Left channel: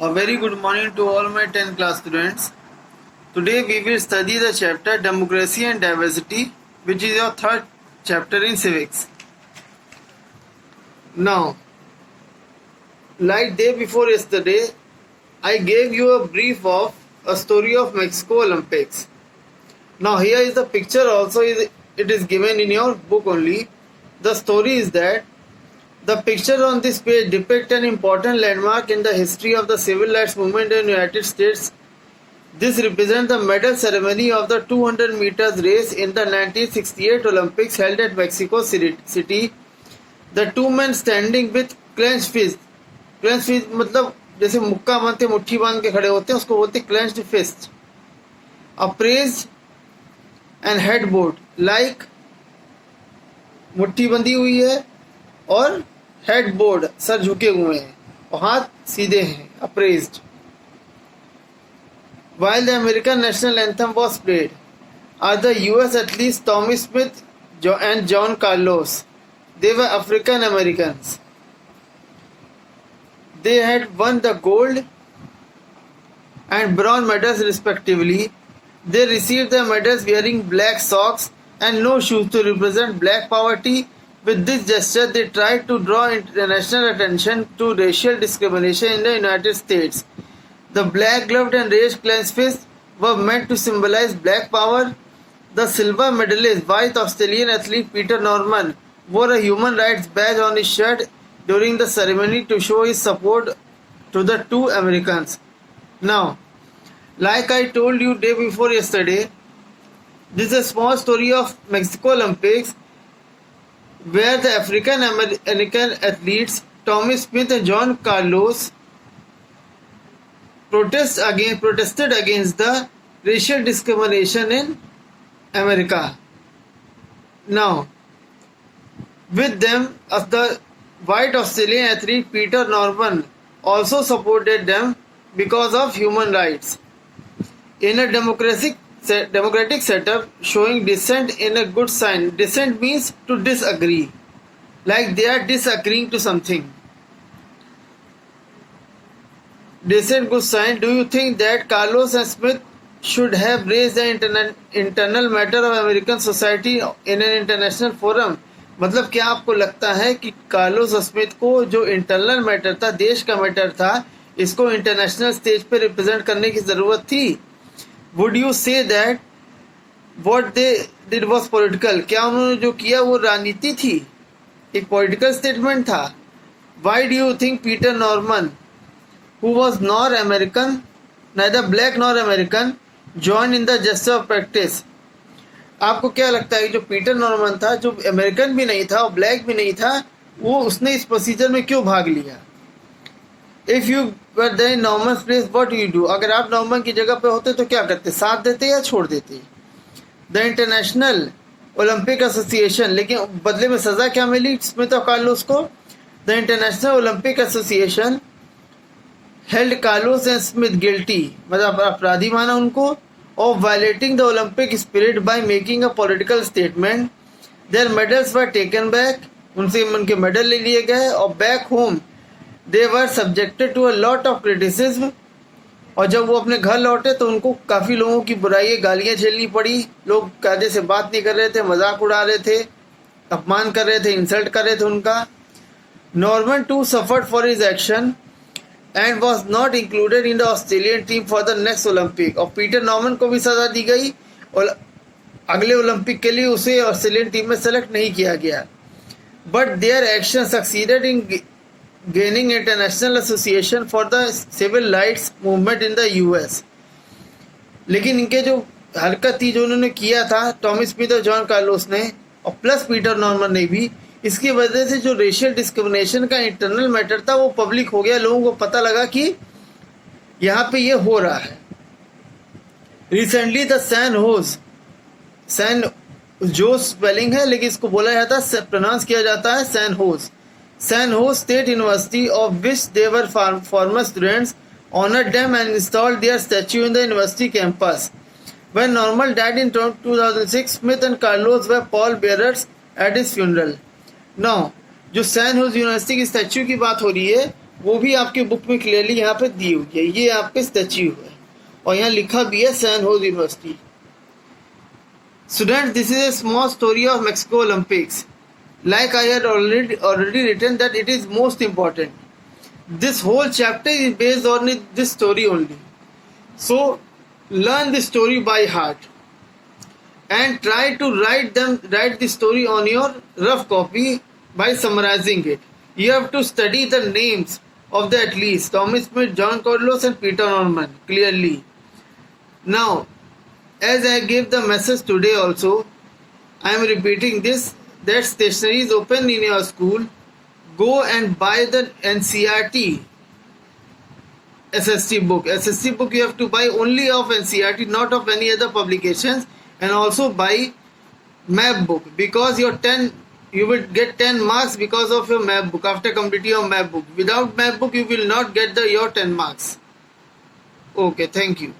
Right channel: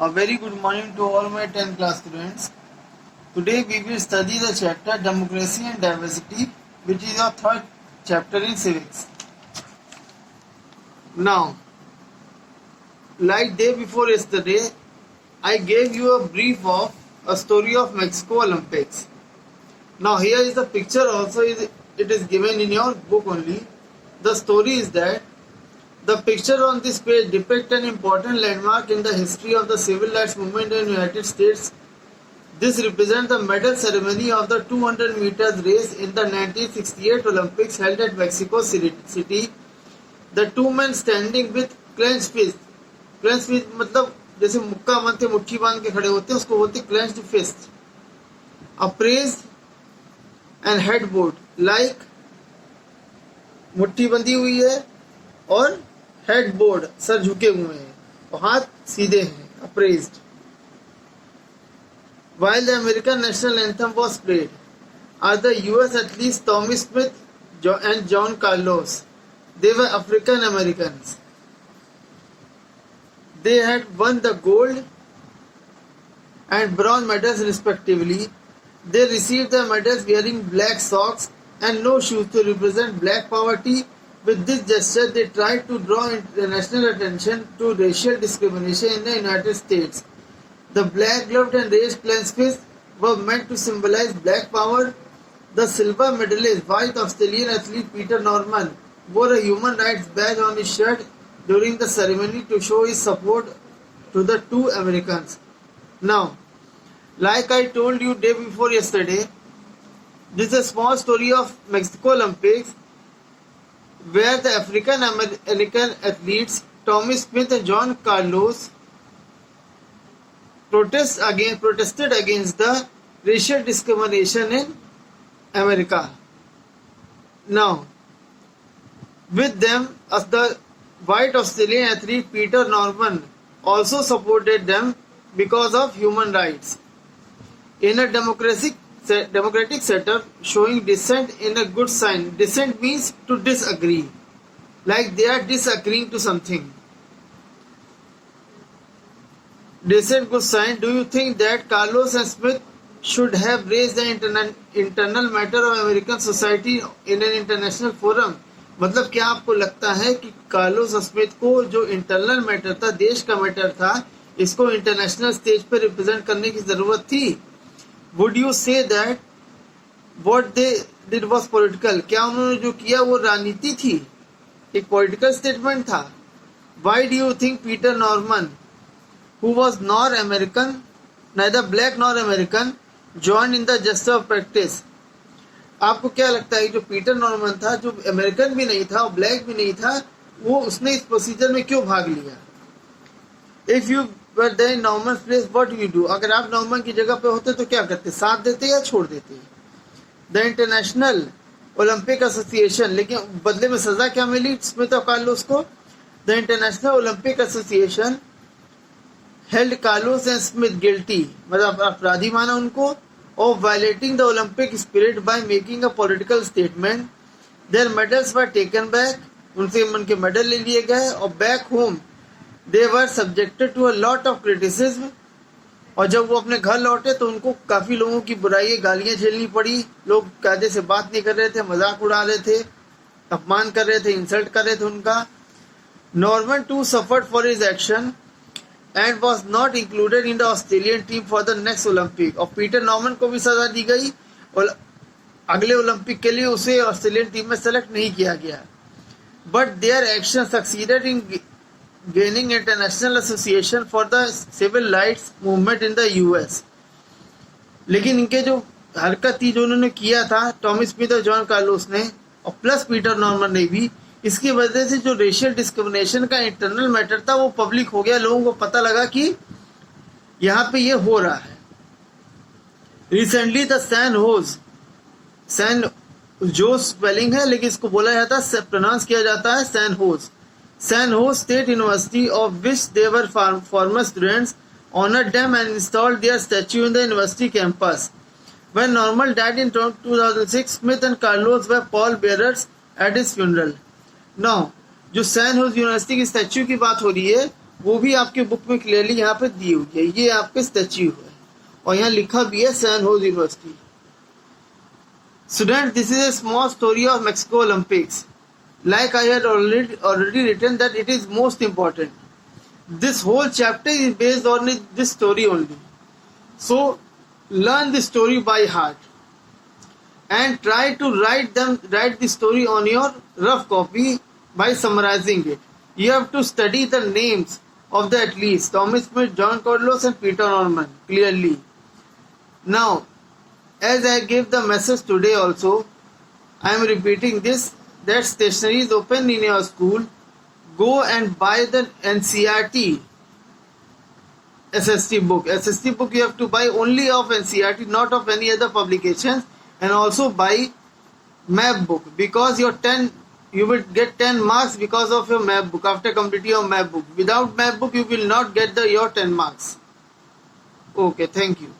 A very good morning to all my 10th class students. Today we will study the chapter Democracy and Diversity, which is your third chapter in civics. Now, like day before yesterday, I gave you a brief of a story of Mexico Olympics. Now here is the picture also, it is given in your book only. The story is that the picture on this page depicts an important landmark in the history of the civil rights movement in the United States. This represents the medal ceremony of the 200 meters race in the 1968 Olympics held at Mexico City. The two men standing with clenched fist. Clenched fist मतलब जैसे मुक्का बांधते मुट्ठी बांध के खड़े होते हैं उसको बोलते हैं clenched fist. Upraised and headboard like मुट्ठी बंधी हुई है और हेडबोर्ड सर झुके हुए हैं और हाथ सीधे हैं appraised. While the American national anthem was played, are the US athletes Tommy Smith and John Carlos. They were African Americans. They had won the gold and bronze medals respectively. They received the medals wearing black socks and no shoes to represent black poverty. With this gesture, they tried to draw international attention to racial discrimination in the United States. The black gloved and raised clenched fists were meant to symbolize black power. The silver medalist, white Australian athlete Peter Norman, wore a human rights badge on his shirt during the ceremony to show his support to the two Americans. Now, like I told you day before yesterday, this is a small story of Mexico Olympics where the African American athletes Tommy Smith and John Carlos protested against the racial discrimination in America. Now, with them, the white Australian athlete Peter Norman also supported them because of human rights. In a democratic setup, showing dissent in a good sign. Dissent means to disagree, like they are disagreeing to something. Dissent good sign. Do you think that Carlos and Smith should have raised the internal matter of American society in an international forum? मतलब क्या आपको लगता है कि Carlos और Smith को जो internal matter था, देश का मैटर था, इसको इंटरनेशनल स्टेज पे रिप्रेजेंट करने की जरूरत थी? Would you say that what they did was political? क्या उन्होंने जो किया वो राजनीति थी, एक पॉलिटिकल स्टेटमेंट था? Why do you think Peter Norman, who was nor American, neither black nor American, joined in the gesture of practice? आपको क्या लगता है जो पीटर नॉर्मन था, जो अमेरिकन भी नहीं था और ब्लैक भी नहीं था, वो उसने इस प्रोसीजर में क्यों भाग लिया? If you were there in Norman's place, what do you do? अगर आप नॉर्मन की जगह पे होते तो क्या करते? साथ देते या छोड़ देते? द इंटरनेशनल ओलंपिक एसोसिएशन, लेकिन बदले में सजा क्या मिली स्मिथ और कार्लोस को? The international Olympic association held Carlos and Smith guilty, मतलब अपराधी माना उनको, of violating the Olympic spirit by making a political statement. Their medals were taken back, उनसे उनके मेडल ले लिए गए, और back home they were subjected to a lot of criticism. और जब वो अपने घर लौटे तो उनको काफी लोगों की बुराई, गालियां झेलनी पड़ी. लोग कायदे से बात नहीं कर रहे थे, मजाक उड़ा रहे थे, अपमान कर रहे थे, इंसल्ट कर रहे थे उनका. Norman too suffered for his action and was not included in the Australian team for the next Olympic. और पीटर नॉर्मन को भी सजा दी गई और अगले ओलंपिक के लिए उसे ऑस्ट्रेलियन टीम में सेलेक्ट नहीं किया गया. But their action succeeded in gaining international association for the civil rights movement in the US. लेकिन इनके जो हरकत थी, जो उन्होंने किया था टॉमी स्मिथ और जॉन कार्लोस ने, और प्लस पीटर नॉर्मन ने भी, इसकी वजह से जो रेशियल डिस्क्रिमिनेशन का इंटरनल मैटर था वो पब्लिक हो गया. लोगों को पता लगा कि यहाँ पे ये हो रहा है. रिसेंटली द सैन जो स्पेलिंग है, लेकिन इसको बोला जाता है, प्रोनाउंस किया जाता है San Jose State University of which they were former students honoured them and installed their statue in the university campus. When Norman died in 2006, Smith and Carlos were pallbearers at his funeral. Now जो San Jose University की statue की बात हो रही है, वो भी आपके बुक में क्लियरली यहाँ पे दी हुई है। ये आपके स्टैच्यू है और यहाँ लिखा भी है San Jose University. Students, this is a small story of Mexico Olympics. Like I had already written that it is most important. This whole chapter is based on this story only. So learn the story by heart and try to write the story on your rough copy by summarizing it. You have to study the names of the athletes Thomas Smith, John Carlos and Peter Norman clearly. Now, as I gave the message today also, I am repeating this, that stationery is open in your school. Go and buy the NCERT SST book. SST book you have to buy only of NCERT, not of any other publications, and also buy map book because you will get 10 marks because of your map book after completing your map book. Without map book you will not get your 10 marks. Okay, thank you.